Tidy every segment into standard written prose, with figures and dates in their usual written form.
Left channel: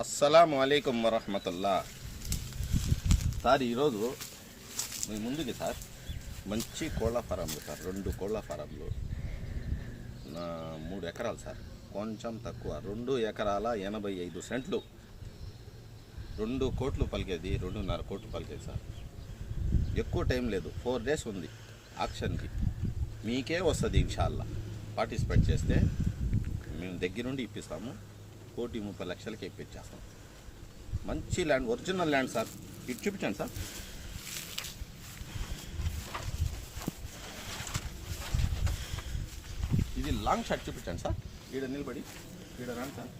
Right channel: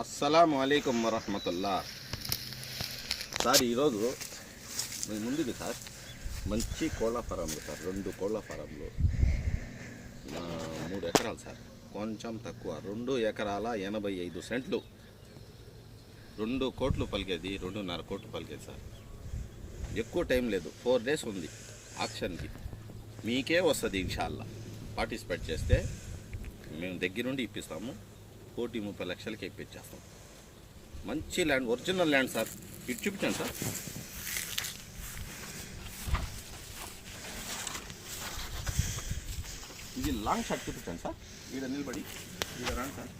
అస్సలాము అలైకుం వరహమతుల్లా. సార్ ఈరోజు నేను ముందుకి సార్ మంచి కోళ్ళ ఫారంలు సార్, 2 కోళ్ళ ఫారంలు, 3 ఎకరాలు సార్, కొంచెం తక్కువ 2 ఎకరాల 85 సెంట్లు, 2 కోట్లు పలికేది, 2.5 కోట్లు పలికేది సార్. ఎక్కువ టైం లేదు, 4 డేస్ ఉంది ఆక్షన్కి. మీకే వస్తుంది ఇన్షాల్లా. పార్టిసిపేట్ చేస్తే మేము దగ్గరుండి ఇప్పిస్తాము. 1,30,00,000కి ఇప్పించేస్తాం. మంచి ల్యాండ్, ఒరిజినల్ ల్యాండ్ సార్. ఇటు చూపించాను సార్. ఇది లాంగ్ షాట్ చూపించాను సార్. ఈడ నిలబడి ఈడ రాండి సార్.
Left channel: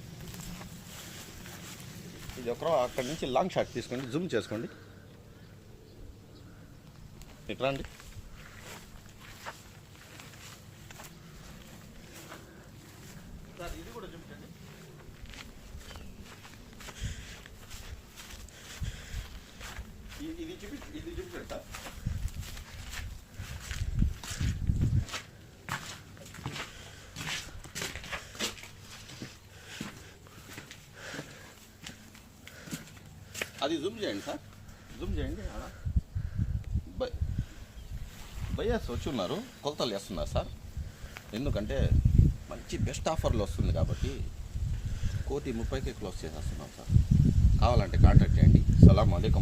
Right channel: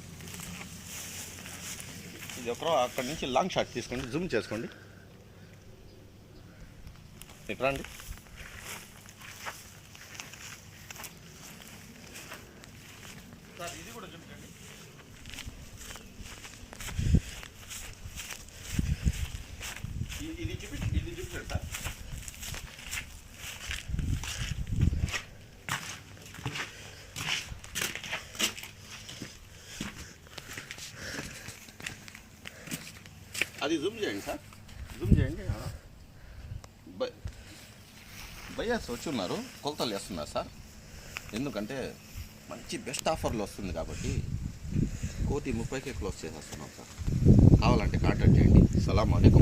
ఇది అక్కడి నుంచి లాంగ్ షాట్ తీసుకోండి, జూమ్ చేసుకోండి. ఇటు రండి. సార్ ఇది కూడా చూపించండి. ఇది చూపించండి సార్. అది జూమ్ చేయండి సార్, జూమ్ చేయండి. బయర్స్ వచ్చి ఉన్నారు, కొలతలు వేస్తున్నారు సార్. ఎందుకంటే మంచి బెస్ట్ ఆఫర్లు వస్తుంది కాబట్టి 1,30,00,000కి క్లోజ్ చేసేస్తున్నాం సార్. కావాలంటే కాంటాక్ట్ చేయండి. సలాం అలైకుం.